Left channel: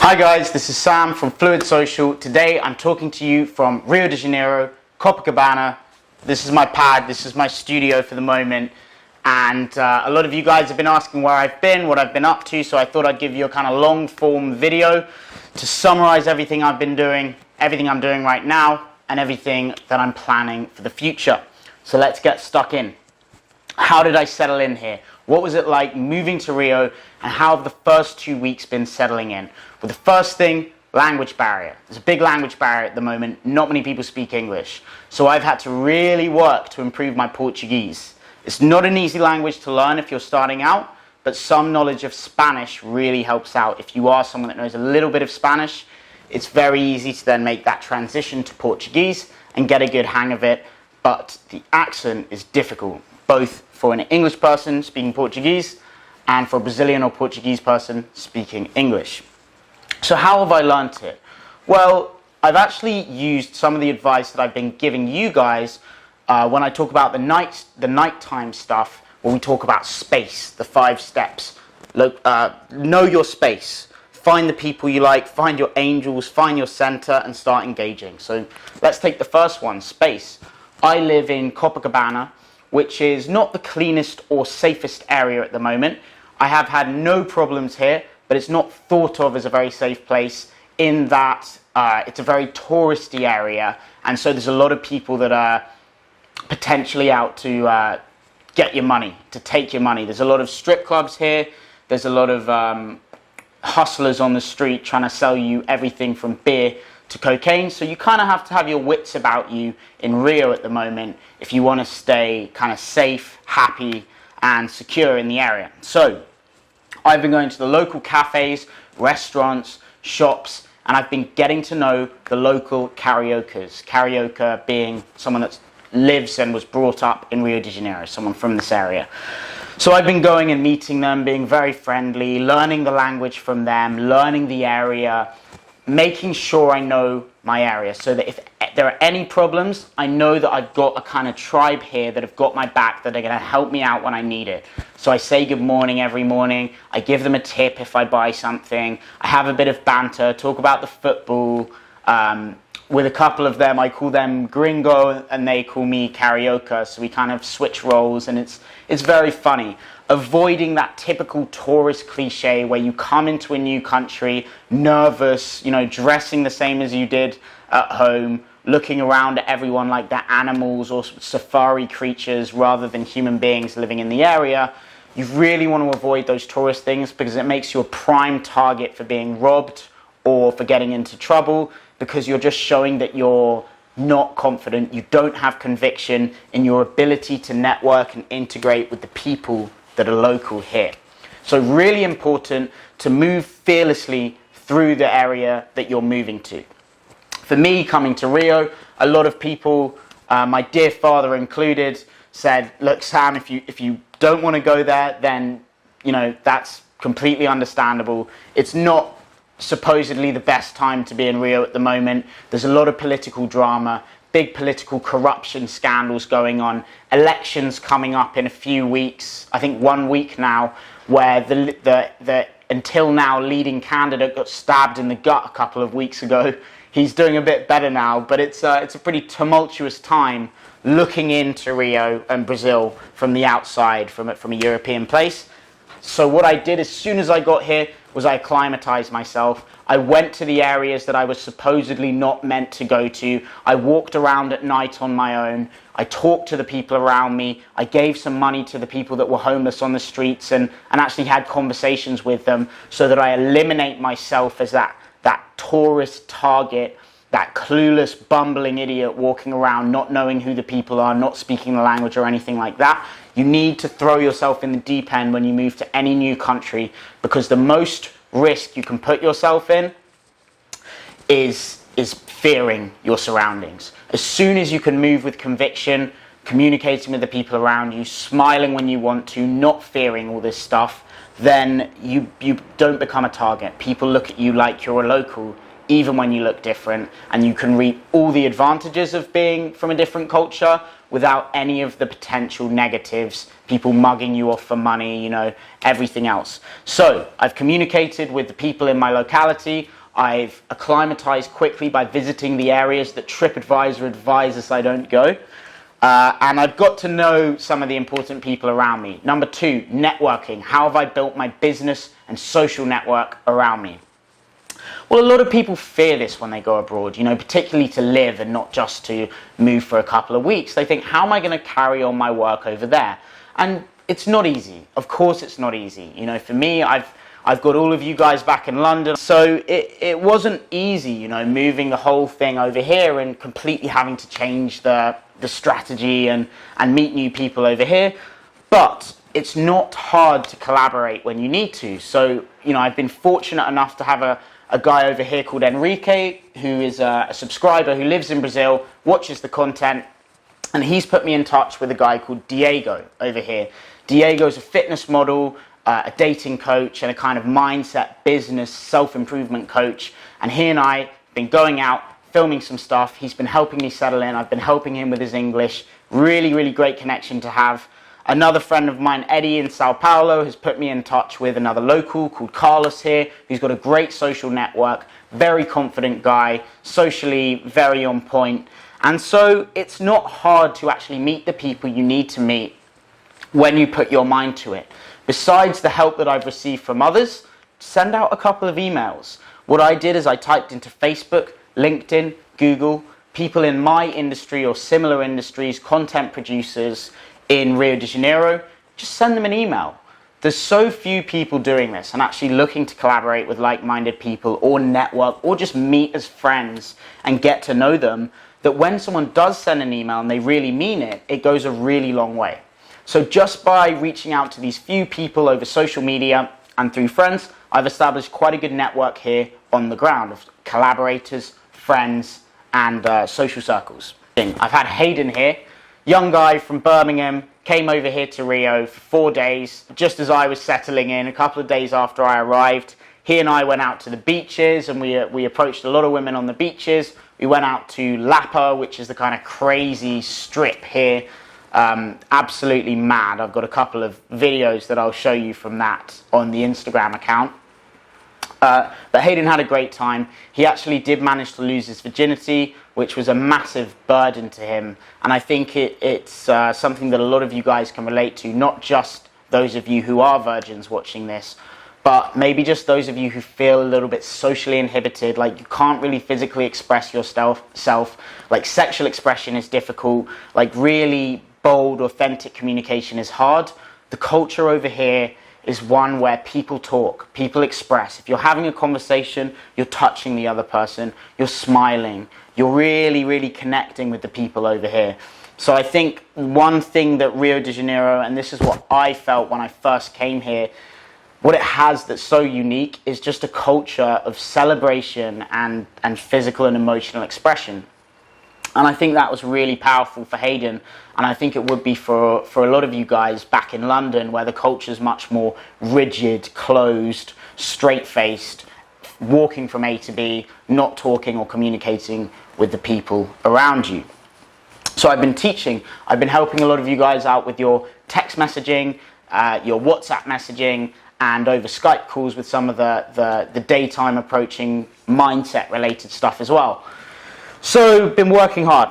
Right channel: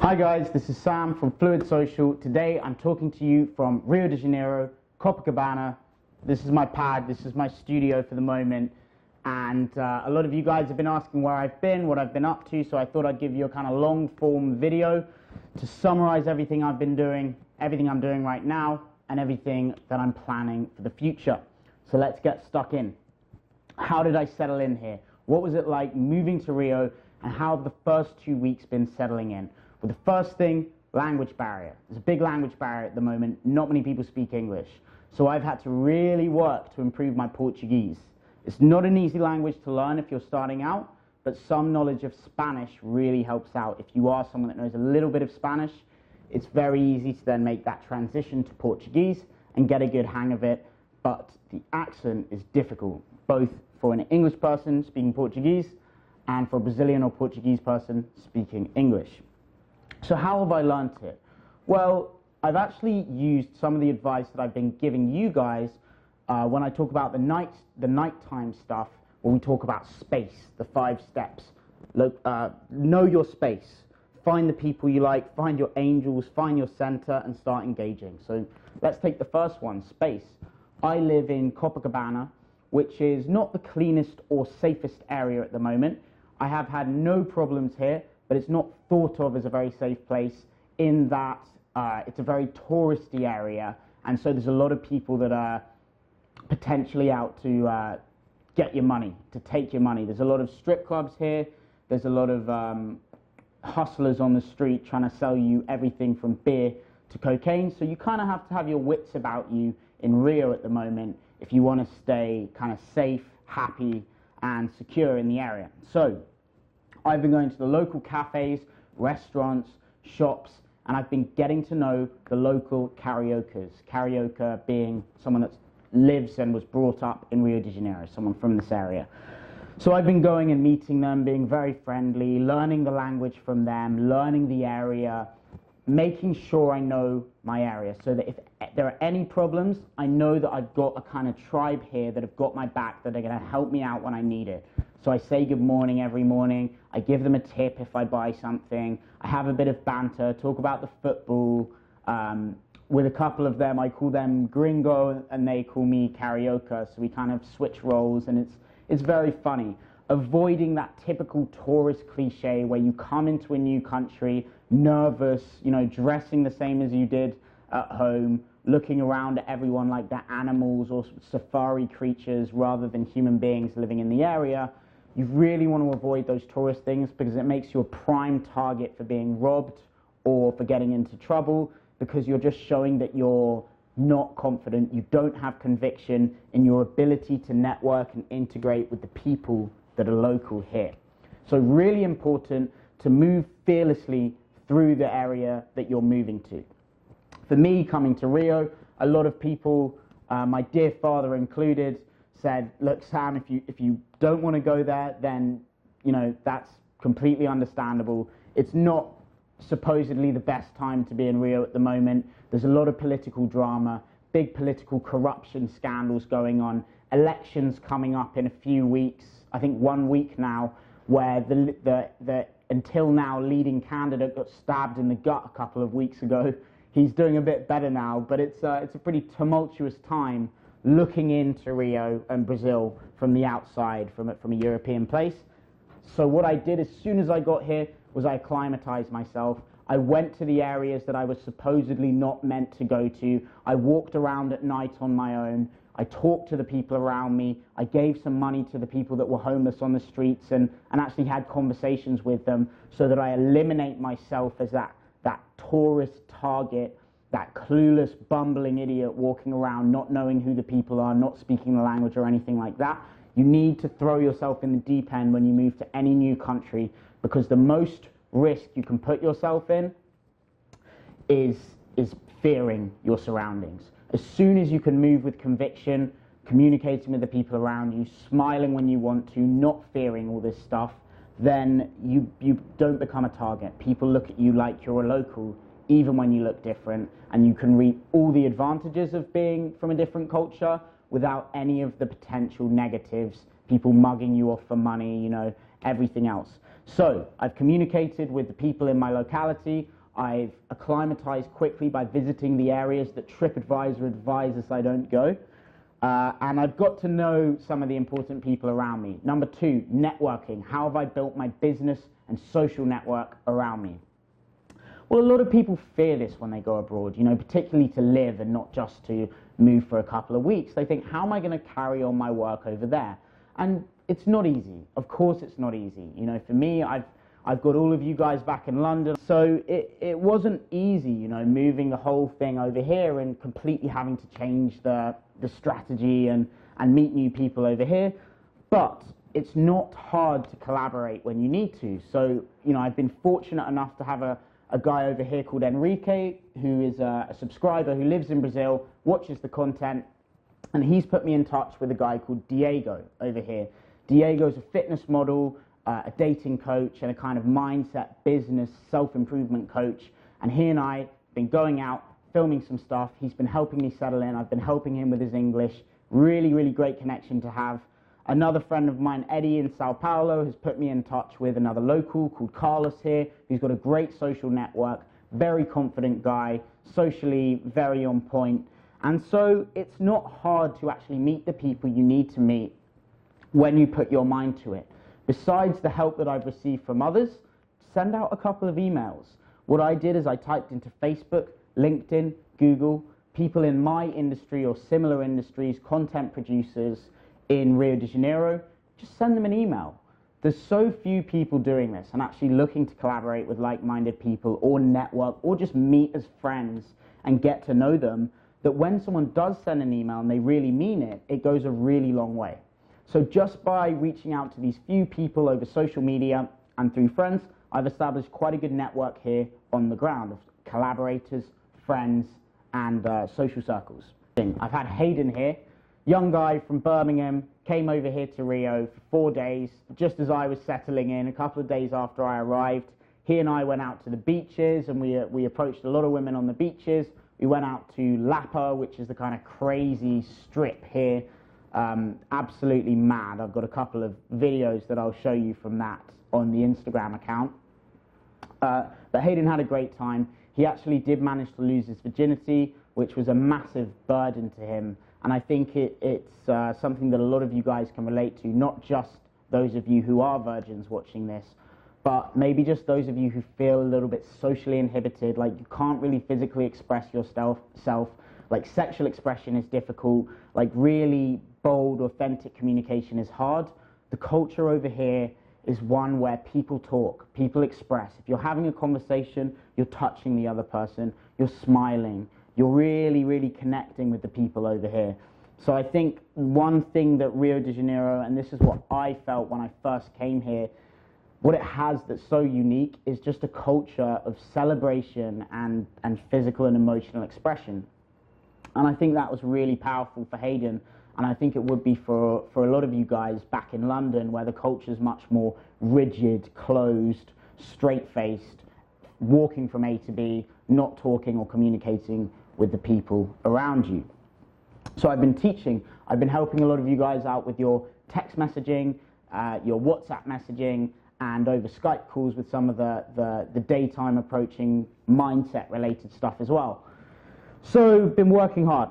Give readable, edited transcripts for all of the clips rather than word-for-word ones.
Hi guys, this is Sam from Fluid Social. Today I'm talking to you from Rio de Janeiro, Copacabana. This is my pad, this is my studio for the moment. And a lot of you guys have been asking where I've been, what I've been up to, so I thought I'd give you a kind of long form video to summarize everything I've been doing, everything I'm doing right now, and everything that I'm planning for the future. So let's get stuck in. How did I settle in here? What was it like moving to Rio, and how have the first 2 weeks been settling in? Well, the first thing, language barrier. There's a big language barrier at the moment. Not many people speak English. So I've had to really work to improve my Portuguese. It's not an easy language to learn if you're starting out, but some knowledge of Spanish really helps out. If you are someone that knows a little bit of Spanish, it's very easy to then make that transition to Portuguese and get a good hang of it. But the accent is difficult, both for an English person speaking Portuguese and for a Brazilian or Portuguese person speaking English. So how have I learnt it? Well, I've actually used some of the advice that I've been giving you guys when I talk about the nighttime stuff, when we talk about space, the 5 steps. Know your space. Find the people you like, find your angels, find your center, and start engaging. So let's take the first one, space. I live in Copacabana, which is not the cleanest or safest area at the moment. I have had no problems here, but it's not thought of as a very safe place in that it's a very touristy area, and so there's a lot of people that are potentially out to get your money, to take your money. There's a lot of strip clubs here, there's a lot of hustlers on the street trying to sell you everything from beer to cocaine, so you kind of have to have your wits about you in Rio at the moment if you want to stay kind of safe, happy, and secure in the area. So I've been going to the local cafes, restaurants, shops, and I've been getting to know the local karaokers. Karaoke being someone that lives and was brought up in Rio de Janeiro, someone from this area. So I've been going and meeting them, being very friendly, learning the language from them, learning the area, making sure I know my area so that if there are any problems, I know that I've got a kind of tribe here that have got my back, that are going to help me out when I need it. So I say good morning every morning, I give them a tip if I buy something, I have a bit of banter, talk about the football. With a couple of them, I call them gringo and they call me karaoke, so we kind of switch roles, and it's very funny. Avoiding that typical tourist cliche where you come into a new country, nervous, dressing the same as you did at home, looking around at everyone like they're animals or safari creatures rather than human beings living in the area. You really want to avoid those tourist things because it makes you a prime target for being robbed or for getting into trouble, because you're just showing that you're not confident, you don't have conviction in your ability to network and integrate with the people that are local here. So really important to move fearlessly through the area that you're moving to. For me, coming to Rio, a lot of people, my dear father included, said, look, Sam, if you don't want to go there, then that's completely understandable. It's not supposedly the best time to be in Rio at the moment. There's a lot of political drama, big political corruption scandals going on, elections coming up in a few weeks, I think 1 week now, where the until now leading candidate got stabbed in the gut a couple of weeks ago. He's doing a bit better now, but it's a pretty tumultuous time looking into Rio and Brazil from the outside, from a European place. So what I did as soon as I got here was I acclimatized myself. I went to the areas that I was supposedly not meant to go to. I walked around at night on my own. I talked to the people around me. I gave some money to the people that were homeless on the streets and actually had conversations with them so that I eliminate myself as that tourist target, that clueless, bumbling idiot walking around, not knowing who the people are, not speaking the language or anything like that. You need to throw yourself in the deep end when you move to any new country, because the most risk you can put yourself in is fearing your surroundings. As soon as you can move with conviction, communicating with the people around you, smiling when you want to, not fearing all this stuff, then you don't become a target. People look at you like you're a local, even when you look different, and you can reap all the advantages of being from a different culture without any of the potential negatives, people mugging you off for money, everything else. So I've communicated with the people in my locality. I've acclimatized quickly by visiting the areas that TripAdvisor advises I don't go. And I've got to know some of the important people around me. Number 2, networking. How have I built my business and social network around me? Well, a lot of people fear this when they go abroad, particularly to live and not just to move for a couple of weeks. They think, how am I going to carry on my work over there? And it's not easy. Of course it's not easy. For me, I've got all of you guys back in London. So it wasn't easy, moving the whole thing over here and completely having to change the strategy and meet new people over here. But it's not hard to collaborate when you need to. So, I've been fortunate enough to have a guy over here called Enrique, who is a subscriber who lives in Brazil, watches the content, and he's put me in touch with a guy called Diego over here. Diego's a fitness model, a dating coach, and a kind of mindset, business, self-improvement coach. And he and I have been going out, filming some stuff. He's been helping me settle in. I've been helping him with his English. Really, really great connection to have. Another friend of mine, Eddie in Sao Paulo, has put me in touch with another local called Carlos here, who's got a great social network, very confident guy, socially very on point. And so it's not hard to actually meet the people you need to meet when you put your mind to it. Besides the help that I've received from others, send out a couple of emails. What I did is I typed into Facebook, LinkedIn, Google, people in my industry or similar industries, content producers in Rio de Janeiro, just send them an email. There's so few people doing this and actually looking to collaborate with like-minded people or network or just meet as friends and get to know them, that when someone does send an email and they really mean it, it goes a really long way. So just by reaching out to these few people over social media and through friends, I've established quite a good network here on the ground of collaborators, friends, and social circles. I've had Hayden here, young guy from Birmingham, came over here to Rio for 4 days, just as I was settling in, a couple of days after I arrived. He and I went out to the beaches, and we approached a lot of women on the beaches. We went out to Lapa, which is the kind of crazy strip here. Absolutely mad. I've got a couple of videos that I'll show you from that on the Instagram account. But Hayden had a great time. He actually did manage to lose his virginity, which was a massive burden to him. And I think it's something that a lot of you guys can relate to, not just those of you who are virgins watching this, but maybe just those of you who feel a little bit socially inhibited, like you can't really physically express yourself, like sexual expression is difficult, like really bold, authentic communication is hard. The culture over here is one where people talk, people express. If you're having a conversation, you're touching the other person, you're smiling, you're really, really connecting with the people over here. So I think one thing that Rio de Janeiro, and this is what I felt when I first came here, what it has that's so unique is just a culture of celebration and physical and emotional expression. And I think that was really powerful for Hayden, and I think it would be for a lot of you guys back in London, where the culture is much more rigid, closed, straight-faced, walking from A to B, not talking or communicating with the people around you. So I've been teaching, I've been helping a lot of you guys out with your text messaging, your WhatsApp messaging, and over Skype calls with some of the daytime approaching mindset related stuff as well. So, been working hard.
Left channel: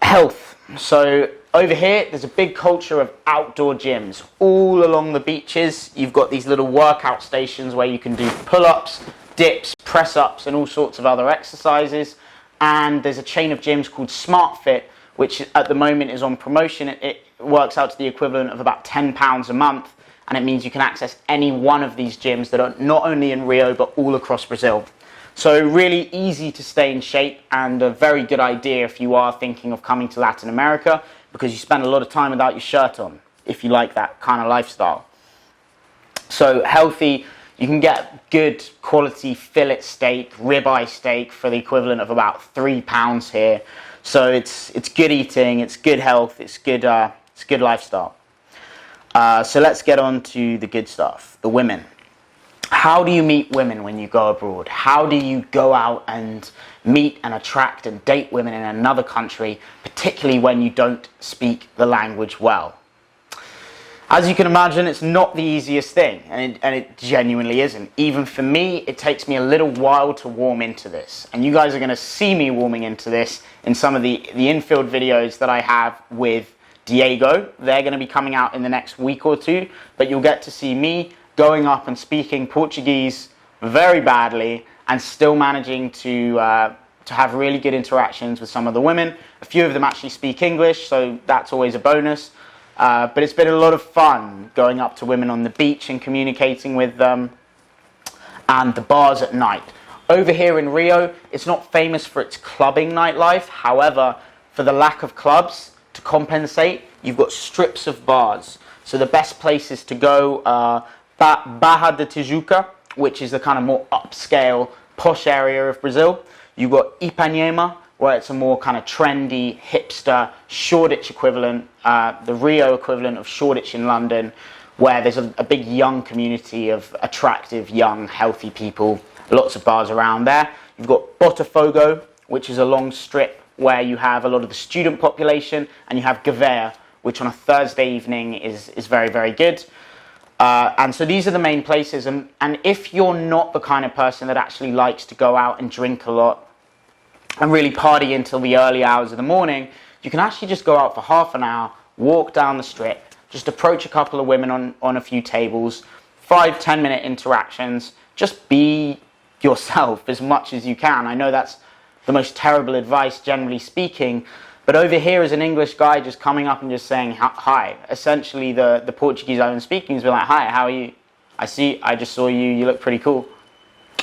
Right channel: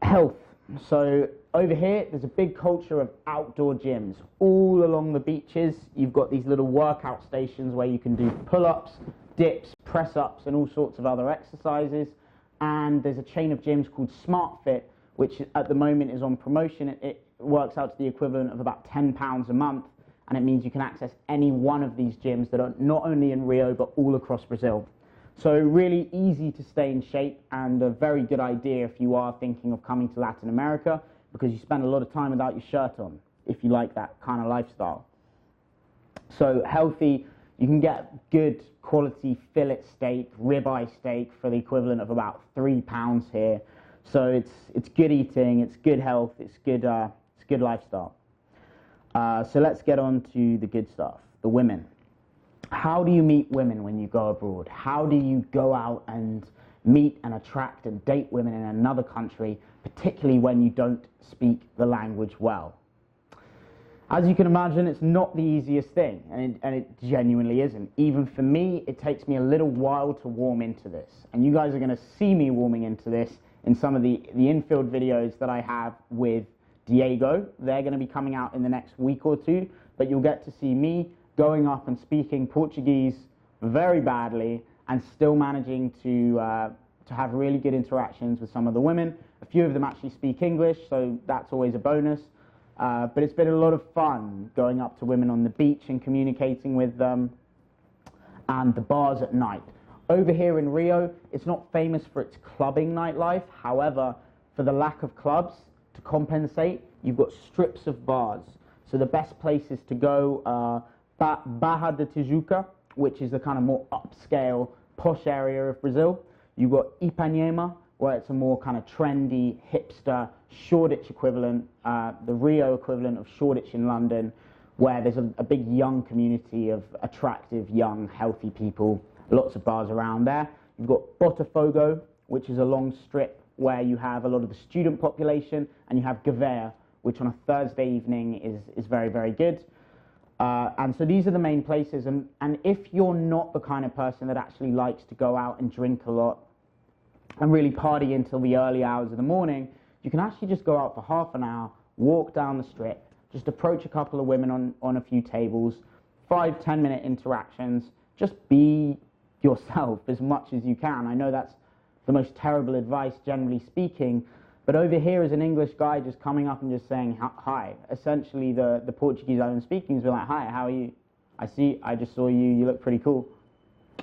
Health. So, over here, there's a big culture of outdoor gyms. All along the beaches, you've got these little workout stations where you can do pull-ups, dips, press-ups, and all sorts of other exercises. And there's a chain of gyms called SmartFit, which at the moment is on promotion. It works out to the equivalent of about £10 a month. And it means you can access any one of these gyms that are not only in Rio, but all across Brazil. So really easy to stay in shape, and a very good idea if you are thinking of coming to Latin America, because you spend a lot of time without your shirt on, if you like that kind of lifestyle. So healthy, you can get good quality fillet steak, ribeye steak for the equivalent of about £3 here. So it's good eating, it's good health, it's good lifestyle. So let's get on to the good stuff, the women. How do you meet women when you go abroad? How do you go out and meet and attract and date women in another country, particularly when you don't speak the language well? As you can imagine, it's not the easiest thing, and it genuinely isn't. Even for me, it takes me a little while to warm into this. And you guys are going to see me warming into this in some of the infield videos that I have with Diego. They're going to be coming out in the next week or two, but you'll get to see me going up and speaking Portuguese very badly and still managing to have really good interactions with some of the women. A few of them actually speak English, so that's always a bonus. But it's been a lot of fun going up to women on the beach and communicating with them, and the bars at night. Over here in Rio, it's not famous for its clubbing nightlife. However, for the lack of clubs, to compensate, you've got strips of bars. So the best places to go are Barra de Tijuca, which is the kind of more upscale, posh area of Brazil. You've got Ipanema, where it's a more kind of trendy, hipster, Shoreditch equivalent, the Rio equivalent of Shoreditch in London, where there's a big young community of attractive, young, healthy people, lots of bars around there. You've got Botafogo, which is a long strip where you have a lot of the student population, and you have Gavea, which on a Thursday evening is very, very good. And so these are the main places, and if you're not the kind of person that actually likes to go out and drink a lot, and really party until the early hours of the morning, you can actually just go out for half an hour, walk down the strip, just approach a couple of women on a few tables, 5-10 minute interactions, just be yourself as much as you can. I know that's the most terrible advice, generally speaking, but over here as an English guy just coming up and just saying hi, essentially the Portuguese I'm speaking is like, hi, how are you? I just saw you, you look pretty cool.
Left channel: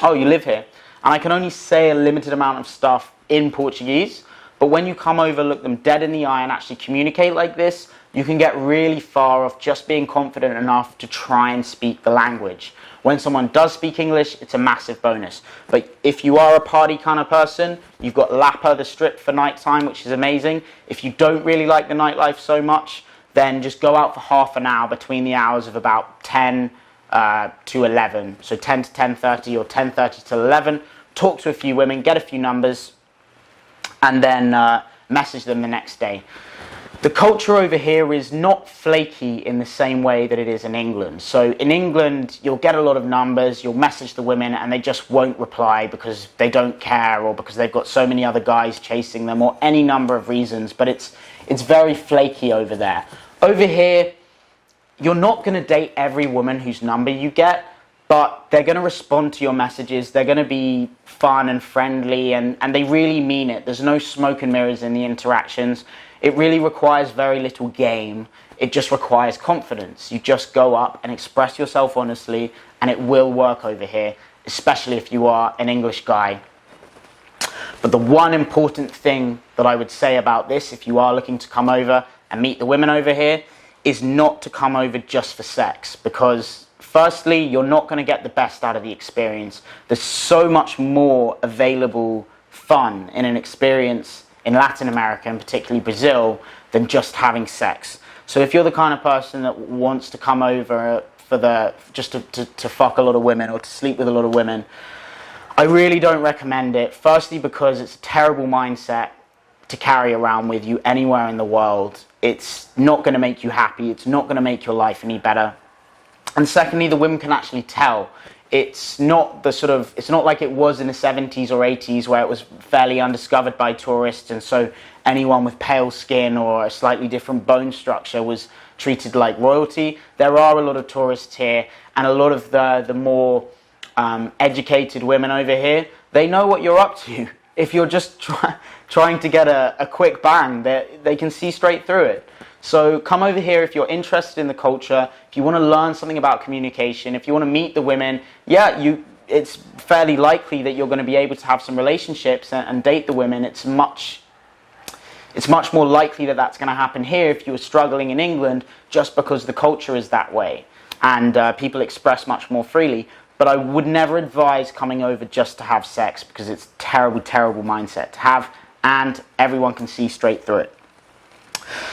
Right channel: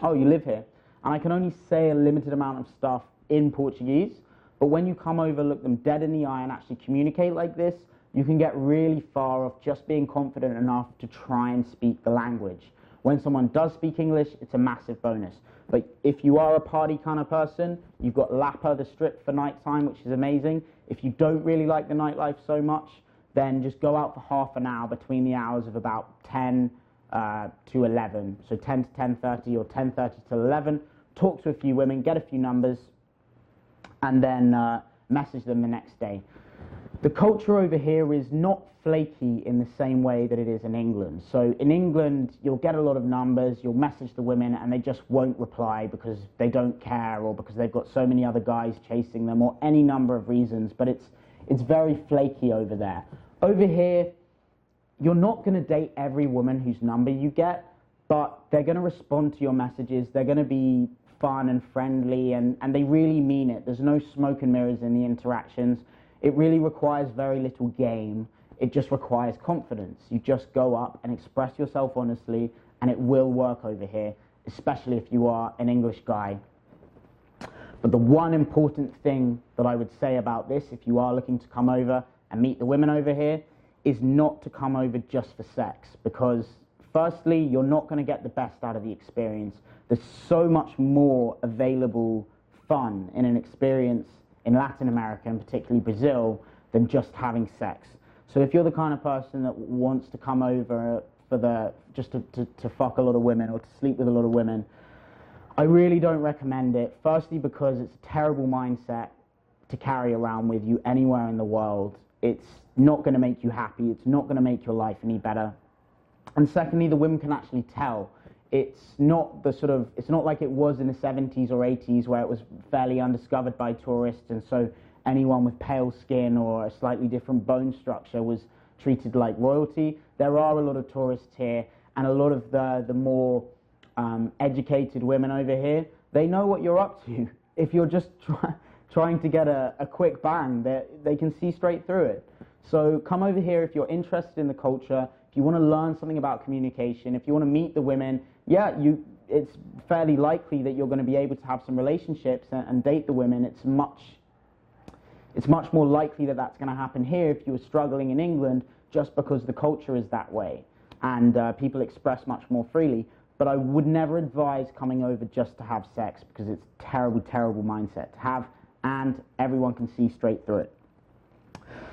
Oh, you live here. And I can only say a limited amount of stuff in Portuguese, but when you come over, look them dead in the eye and actually communicate like this, you can get really far off just being confident enough to try and speak the language. When someone does speak English, it's a massive bonus. But if you are a party kind of person, you've got Lapa, the strip for nighttime, which is amazing. If you don't really like the nightlife so much, then just go out for half an hour between the hours of about 10 to 11. So 10 to 10:30 or 10:30 to 11. Talk to a few women, get a few numbers, and then message them the next day. The culture over here is not flaky in the same way that it is in England. So in England, you'll get a lot of numbers, you'll message the women, and they just won't reply because they don't care, or because they've got so many other guys chasing them, or any number of reasons, but it's very flaky over there. Over here, you're not going to date every woman whose number you get, but they're going to respond to your messages, they're going to be fun and friendly, and they really mean it. There's no smoke and mirrors in the interactions. It really requires very little game. It just requires confidence. You just go up and express yourself honestly, and it will work over here, especially if you are an English guy. But the one important thing that I would say about this, if you are looking to come over and meet the women over here, is not to come over just for sex, because firstly, you're not going to get the best out of the experience. There's so much more available fun in an experience in Latin America, and particularly Brazil, than just having sex. So if you're the kind of person that wants to come over for just to fuck a lot of women or to sleep with a lot of women, I really don't recommend it. Firstly, because it's a terrible mindset to carry around with you anywhere in the world. It's not going to make you happy. It's not going to make your life any better. And secondly, the women can actually tell. It's not like it was in the 70s or 80s where it was fairly undiscovered by tourists, and so anyone with pale skin or a slightly different bone structure was treated like royalty. There are a lot of tourists here, and a lot of the more educated women over here, they know what you're up to. If you're just trying to get a quick bang, they can see straight through it. So come over here if you're interested in the culture, if you want to learn something about communication, if you want to meet the women, it's fairly likely that you're going to be able to have some relationships and date the women. It's much more likely that that's going to happen here if you were struggling in England, just because the culture is that way and people express much more freely. But I would never advise coming over just to have sex, because it's a terrible, terrible mindset to have, and everyone can see straight through it.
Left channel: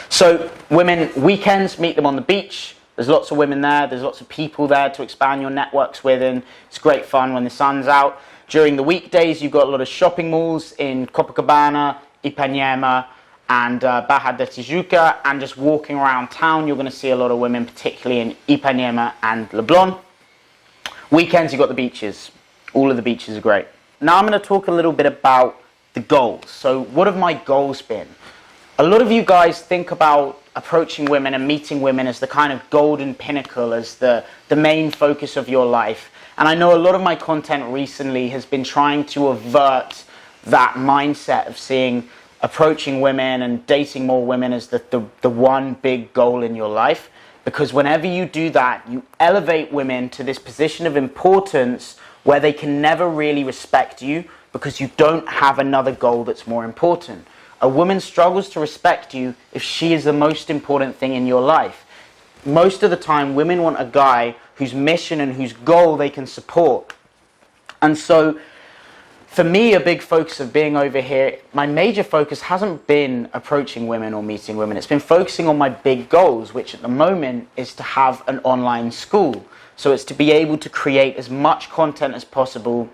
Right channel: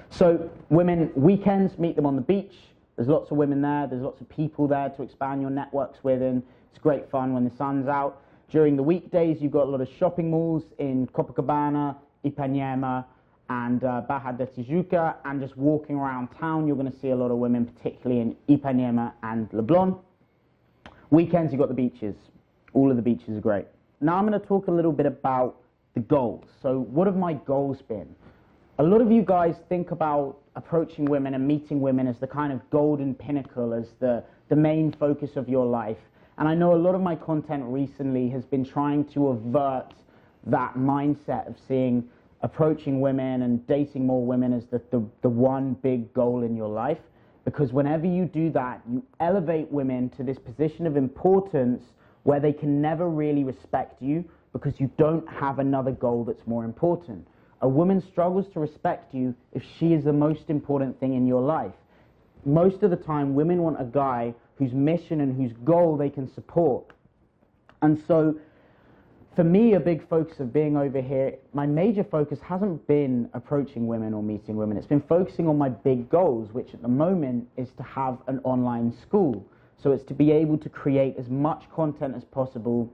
So women, weekends, meet them on the beach, There's lots of women there. There's lots of people there to expand your networks with, and it's great fun when the sun's out. During the weekdays, you've got a lot of shopping malls in Copacabana, Ipanema, and Barra da Tijuca, and just walking around town, you're going to see a lot of women, particularly in Ipanema and Leblon. Weekends, you've got the beaches. All of the beaches are great. Now I'm going to talk a little bit about the goals. So what have my goals been? A lot of you guys think about approaching women and meeting women as the kind of golden pinnacle, as the main focus of your life. And I know a lot of my content recently has been trying to avert that mindset of seeing approaching women and dating more women as the one big goal in your life. Because whenever you do that, you elevate women to this position of importance where they can never really respect you because you don't have another goal that's more important. A woman struggles to respect you if she is the most important thing in your life. Most of the time, women want a guy whose mission and whose goal they can support. And so, for me, a big focus of being over here, my major focus hasn't been approaching women or meeting women. It's been focusing on my big goals, which at the moment is to have an online school. So it's to be able to create as much content as possible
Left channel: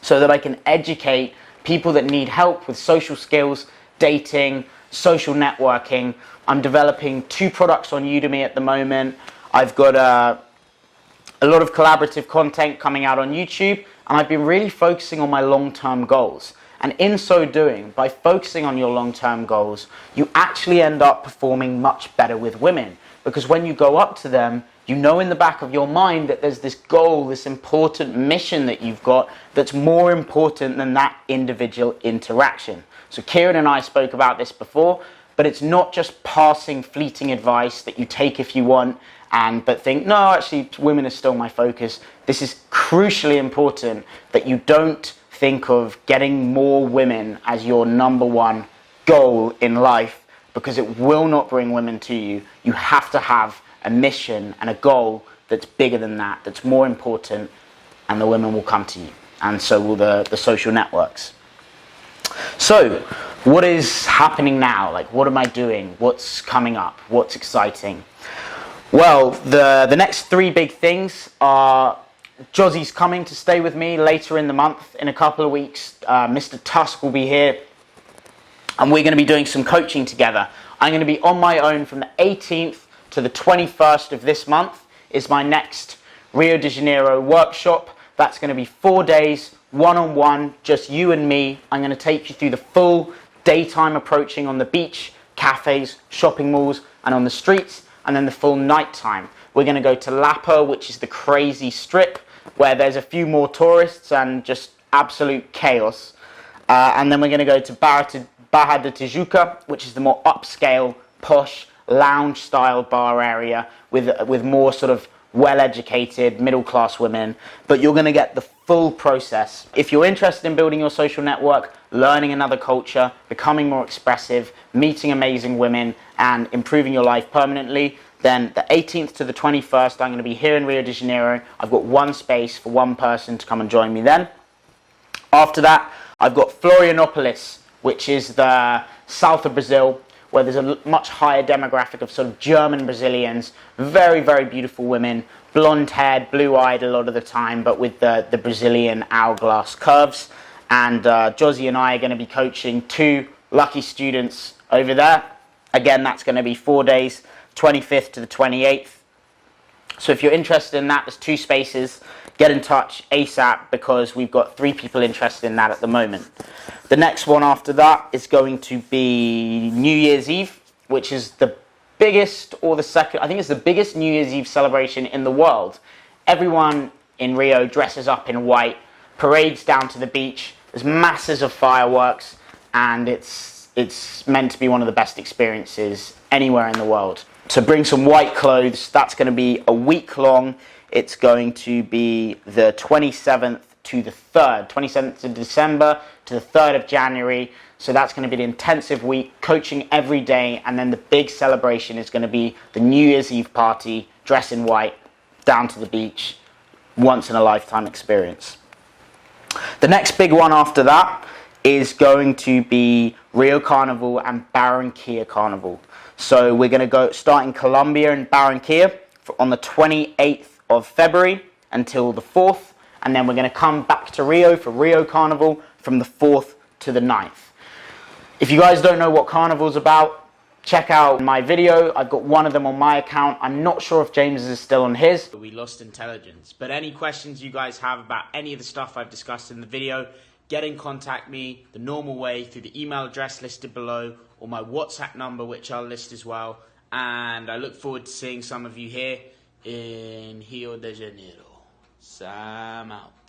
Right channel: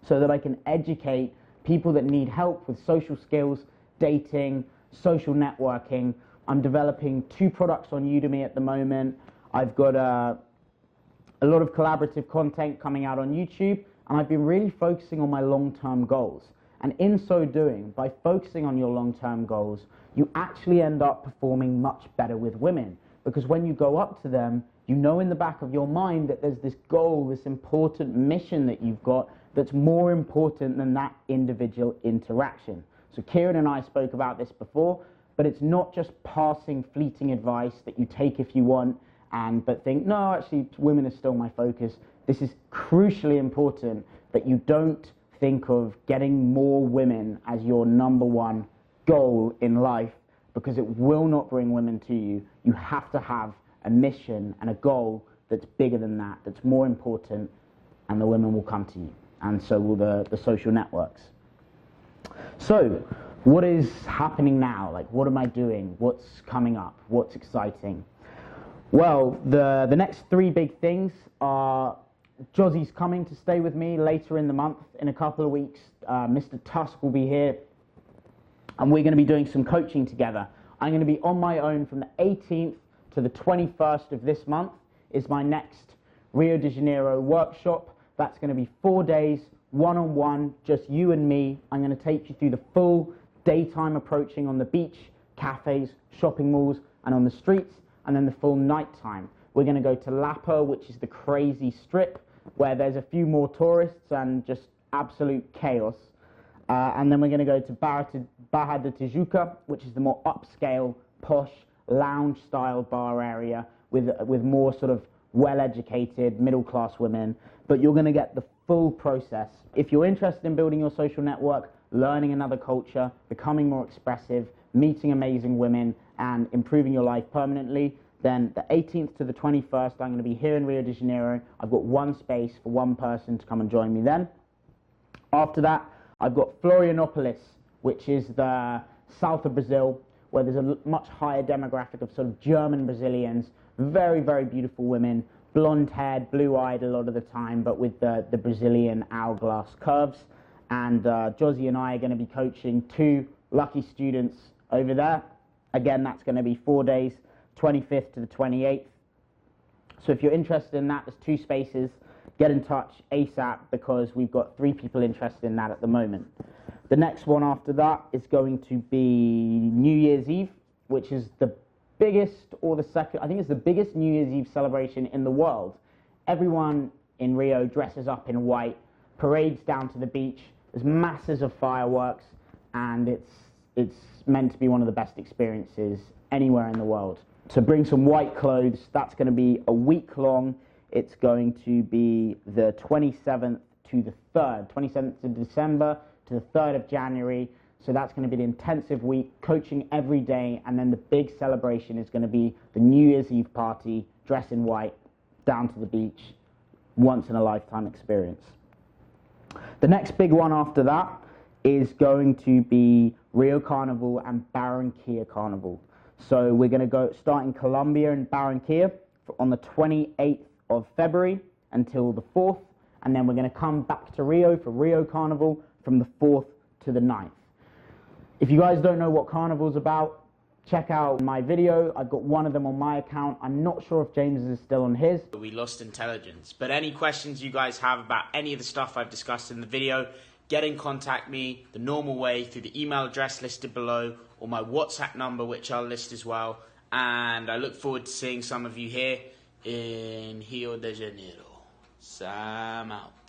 so that I can educate people that need help with social skills, dating, social networking. I'm developing 2 products on Udemy at the moment. I've got a lot of collaborative content coming out on YouTube, and I've been really focusing on my long-term goals. And in so doing, by focusing on your long-term goals, you actually end up performing much better with women. Because when you go up to them, you know in the back of your mind that there's this goal, this important mission that you've got that's more important than that individual interaction. So Kieran and I spoke about this before, but it's not just passing fleeting advice that you take if you want, but think, no, actually, women are still my focus. This is crucially important that you don't think of getting more women as your number one goal in life, because it will not bring women to you. You have to have a mission and a goal that's bigger than that, that's more important, and the women will come to you. And so will the social networks. So, what is happening now? Like, what am I doing? What's coming up? What's exciting? Well, the next 3 big things are Josie's coming to stay with me later in the month. In a couple of weeks, Mr. Tusk will be here, and we're going to be doing some coaching together. I'm going to be on my own from the 18th to the 21st of this month is my next Rio de Janeiro workshop. That's going to be 4 days, one-on-one, just you and me. I'm going to take you through the full daytime approaching on the beach, cafes, shopping malls, and on the streets, and then the full nighttime. We're going to go to Lapa, which is the crazy strip, where there's a few more tourists and just absolute chaos. And then we're going to go to Barra da Tijuca, which is the more upscale, posh, lounge-style bar area with more sort of well-educated, middle-class women. But you're going to get the full process. If you're interested in building your social network, learning another culture, becoming more expressive, meeting amazing women, and improving your life permanently, then the 18th to the 21st, I'm going to be here in Rio de Janeiro. I've got 1 space for 1 person to come and join me then. After that, I've got Florianopolis, which is the south of Brazil, where there's a much higher demographic of sort of German Brazilians, very, very beautiful women, blonde-haired, blue-eyed a lot of the time, but with the Brazilian hourglass curves. And Josie and I are going to be coaching 2 lucky students over there. Again, that's going to be 4 days, 25th to the 28th. So if you're interested in that, there's 2 spaces. Get in touch ASAP, because we've got 3 people interested in that at the moment. The next one after that is going to be New Year's Eve, which is the biggest, or the second, I think it's the biggest New Year's Eve celebration in the world. Everyone in Rio dresses up in white, parades down to the beach, there's masses of fireworks, and it's meant to be one of the best experiences anywhere in the world. So bring some white clothes. That's going to be a week long. It's going to be the 27th to the 3rd, 27th of December to the 3rd of January. So that's going to be an intensive week, coaching every day, and then the big celebration is going to be the New Year's Eve party, dress in white, down to the beach, once in a lifetime experience. The next big one after that is going to be Rio Carnival and Barranquilla Carnival. So we're going to start in Colombia and Barranquilla. on the 28th of February until the 4th, and then we're going to come back to Rio for Rio Carnival from the 4th to the 9th. If you guys don't know what Carnival's about, check out my video. I've got one of them on my account. I'm not sure if James is still on his. We lost intelligence. But any questions you guys have about any of the stuff I've discussed in the video, get in contact me the normal way through the email address listed below or my WhatsApp number, which I'll list as well. And I look forward to seeing some of you here in Rio de Janeiro. Sam out.